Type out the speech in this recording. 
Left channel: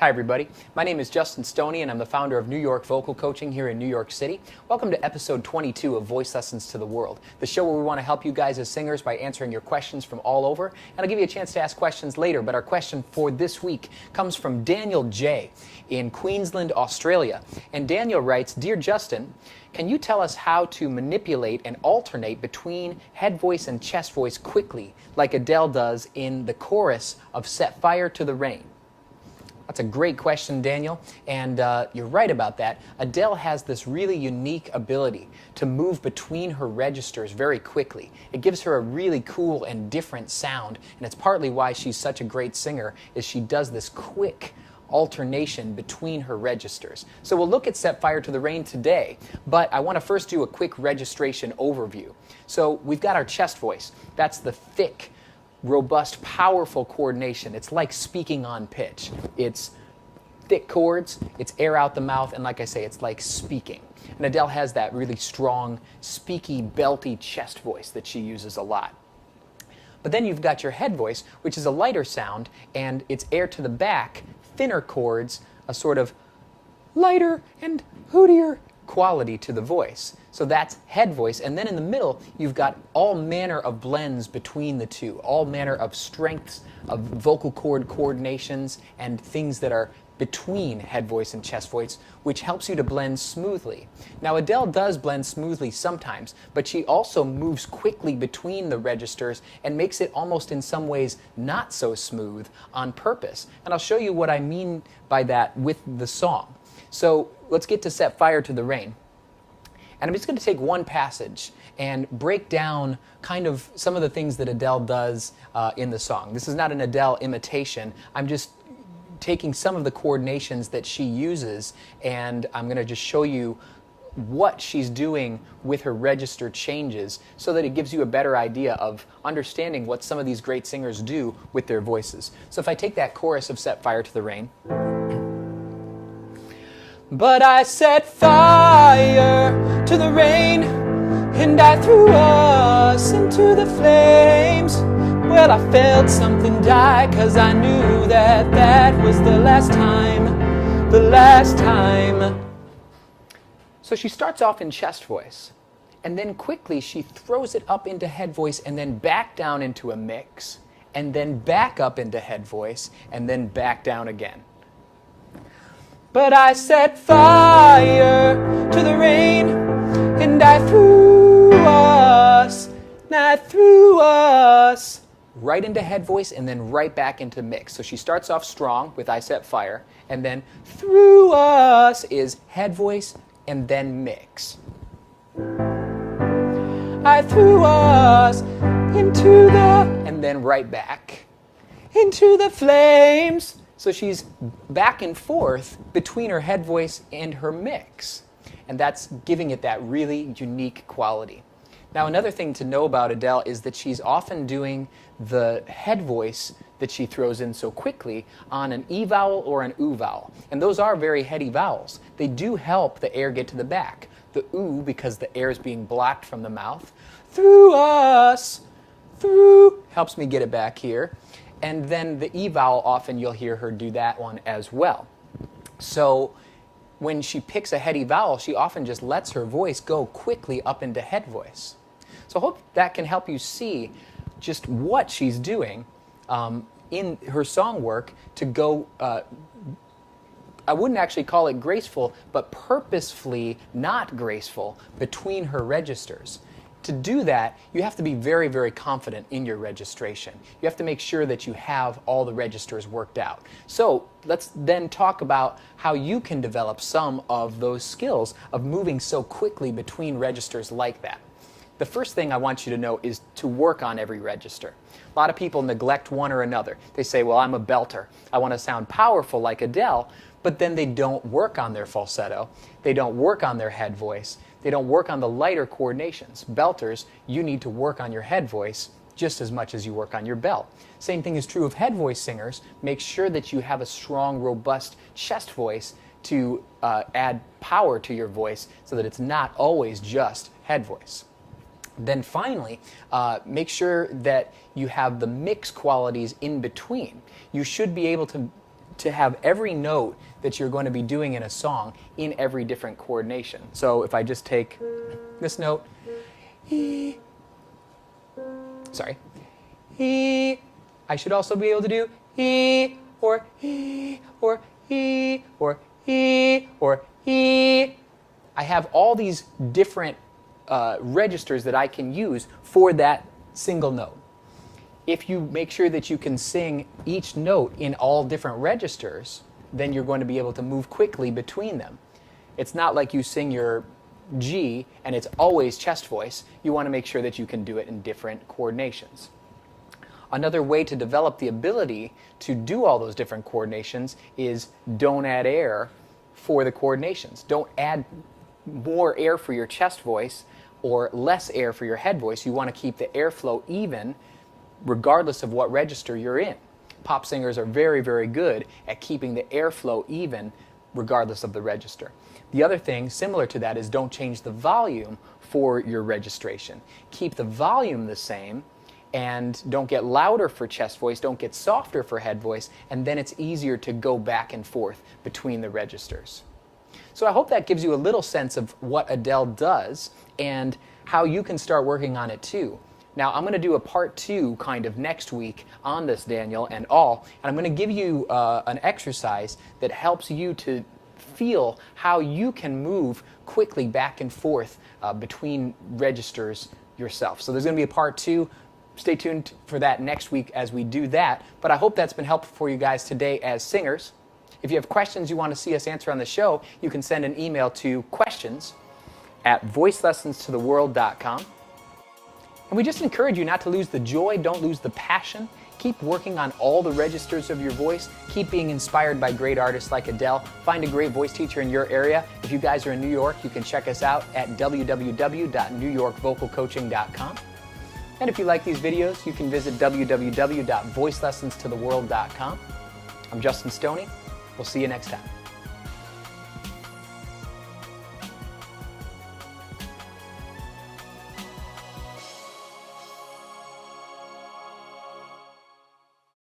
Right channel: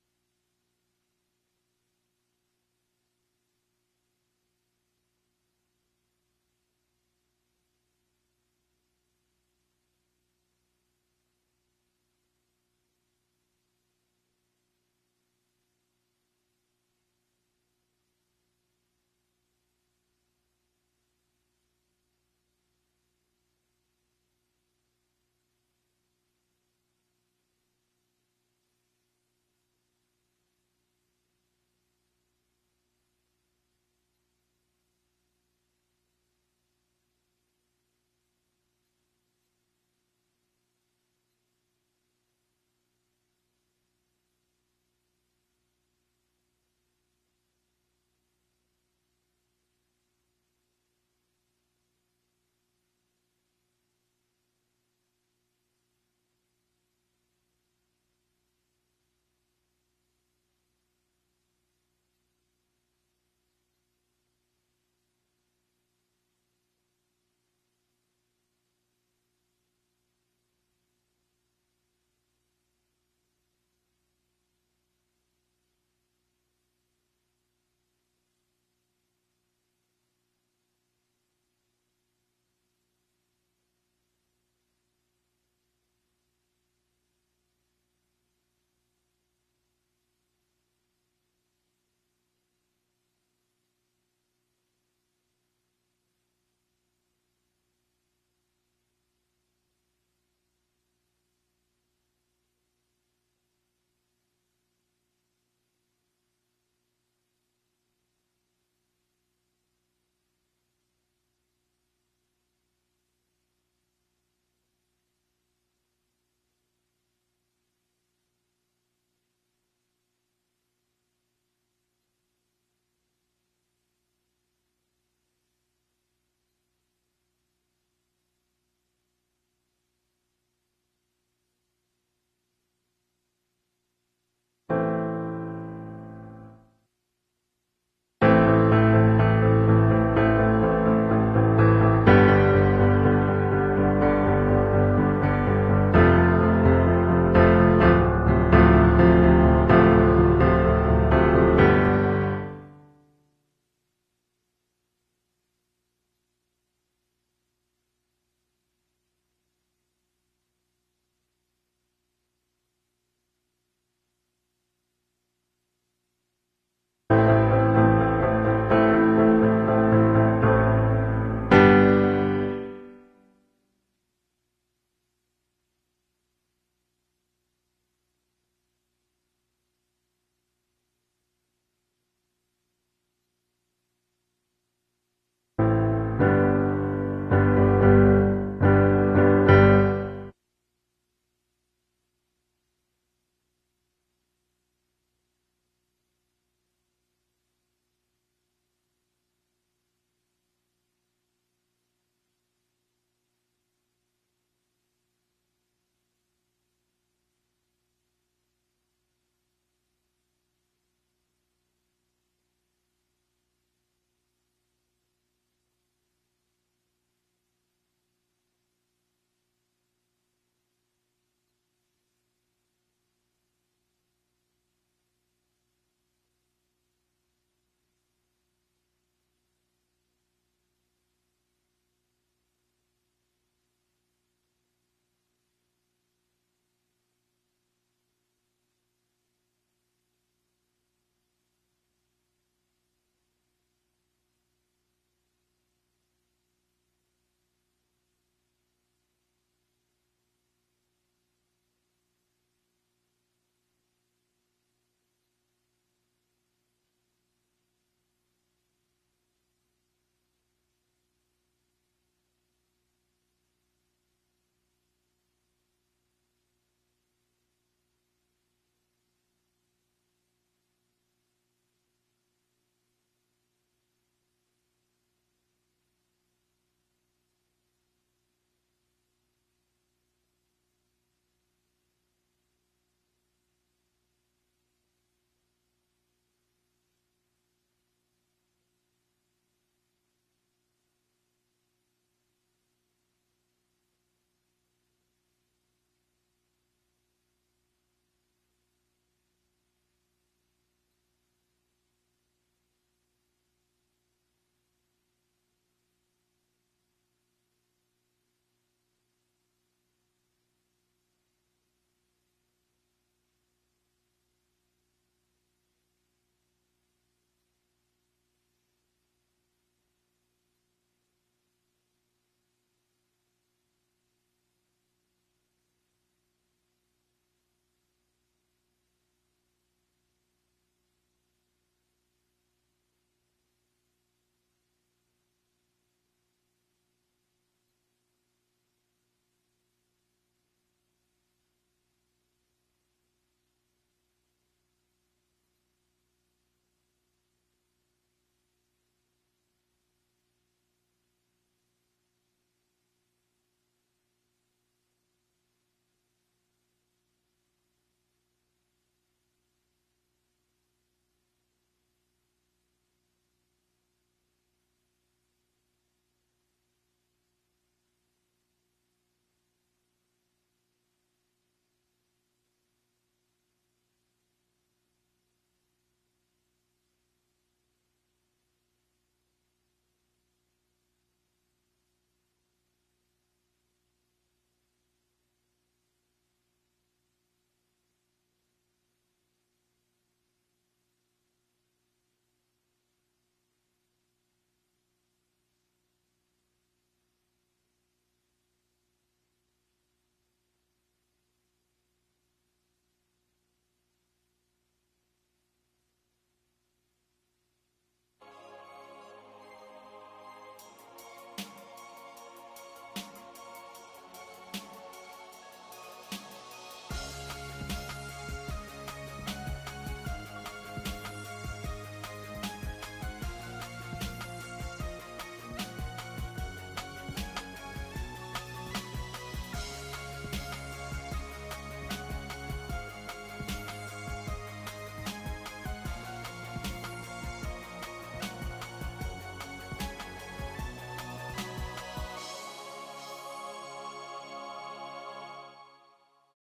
Hi everybody, my name is Justin Stoney and I'm the founder of New York Vocal Coaching here in New York City. Welcome to episode 22 of Voice Lessons to the World, the show where we want to help you guys as singers by answering your questions from all over. And I'll give you a chance to ask questions later, but our question for this week comes from Daniel J. in Queensland, Australia. And Daniel writes, "Dear Justin, can you tell us how to manipulate and alternate between head voice and chest voice quickly, like Adele does in the chorus of Set Fire to the Rain?" That's a great question, Daniel, and you're right about that. Adele has this really unique ability to move between her registers very quickly. It gives her a really cool and different sound, and it's partly why she's such a great singer, is she does this quick alternation between her registers. So we'll look at Set Fire to the Rain today, but I want to first do a quick registration overview. So we've got our chest voice. That's the thick, robust, powerful coordination. It's like speaking on pitch. It's thick chords, it's air out the mouth, and like I say, it's like speaking. And Adele has that really strong, speaky, belty chest voice that she uses a lot. But then you've got your head voice, which is a lighter sound, and it's air to the back, thinner chords, a sort of lighter and hootier quality to the voice. So that's head voice. And then in the middle, you've got all manner of blends between the two, all manner of strengths of vocal cord coordinations and things that are between head voice and chest voice, which helps you to blend smoothly. Now, Adele does blend smoothly sometimes, but she also moves quickly between the registers and makes it almost in some ways not so smooth on purpose. And I'll show you what I mean by that with the song. So let's get to Set Fire to the Rain. And I'm just going to take one passage and break down kind of some of the things that Adele does in the song. This is not an Adele imitation. I'm just taking some of the coordinations that she uses, and I'm going to just show you what she's doing with her register changes so that it gives you a better idea of understanding what some of these great singers do with their voices. So if I take that chorus of Set Fire to the Rain. But I set fire to the rain, and I threw us into the flames. Well, I felt something die, 'cause I knew that that was the last time, the last time. So she starts off in chest voice, and then quickly she throws it up into head voice, and then back down into a mix, and then back up into head voice, and then back down again. But I set fire to the rain, and I threw us right into head voice and then right back into mix. So she starts off strong with I set fire, and then through us is head voice and then mix. I threw us into the, and then right back into the flames. So she's back and forth between her head voice and her mix. And that's giving it that really unique quality. Now, another thing to know about Adele is that she's often doing the head voice that she throws in so quickly on an E vowel or an oo vowel. And those are very heady vowels. They do help the air get to the back. The oo, because the air is being blocked from the mouth. Through us, through, helps me get it back here. And then the E vowel, often you'll hear her do that one as well. So when she picks a heady vowel, she often just lets her voice go quickly up into head voice. So I hope that can help you see just what she's doing in her song work to go, I wouldn't actually call it graceful, but purposefully not graceful between her registers. To do that, you have to be very, very confident in your registration. You have to make sure that you have all the registers worked out. So let's then talk about how you can develop some of those skills of moving so quickly between registers like that. The first thing I want you to know is to work on every register. A lot of people neglect one or another. They say, well, I'm a belter. I want to sound powerful like Adele, but then they don't work on their falsetto. They don't work on their head voice. They don't work on the lighter coordinations. Belters, you need to work on your head voice just as much as you work on your belt. Same thing is true of head voice singers. Make sure that you have a strong, robust chest voice to add power to your voice so that it's not always just head voice. Then finally, make sure that you have the mix qualities in between. You should be able to to have every note that you're going to be doing in a song in every different coordination. So if I just take this note, E, sorry, E, I should also be able to do E, or E, or E, or E, or E. I have all these different registers that I can use for that single note. If you make sure that you can sing each note in all different registers, then you're going to be able to move quickly between them. It's not like you sing your G and it's always chest voice. You want to make sure that you can do it in different coordinations. Another way to develop the ability to do all those different coordinations is don't add air for the coordinations. Don't add more air for your chest voice or less air for your head voice. You want to keep the airflow even regardless of what register you're in. Pop singers are very, very good at keeping the airflow even regardless of the register. The other thing similar to that is don't change the volume for your registration. Keep the volume the same and don't get louder for chest voice, don't get softer for head voice, and then it's easier to go back and forth between the registers. So I hope that gives you a little sense of what Adele does and how you can start working on it too. Now, I'm going to do a part 2 kind of next week on this, Daniel, and I'm going to give you an exercise that helps you to feel how you can move quickly back and forth between registers yourself. So there's going to be a part 2. Stay tuned for that next week as we do that. But I hope that's been helpful for you guys today as singers. If you have questions you want to see us answer on the show, you can send an email to questions@voicelessonstotheworld.com. And we just encourage you not to lose the joy, don't lose the passion. Keep working on all the registers of your voice. Keep being inspired by great artists like Adele. Find a great voice teacher in your area. If you guys are in New York, you can check us out at www.newyorkvocalcoaching.com. And if you like these videos, you can visit www.voicelessonstotheworld.com. I'm Justin Stoney. We'll see you next time.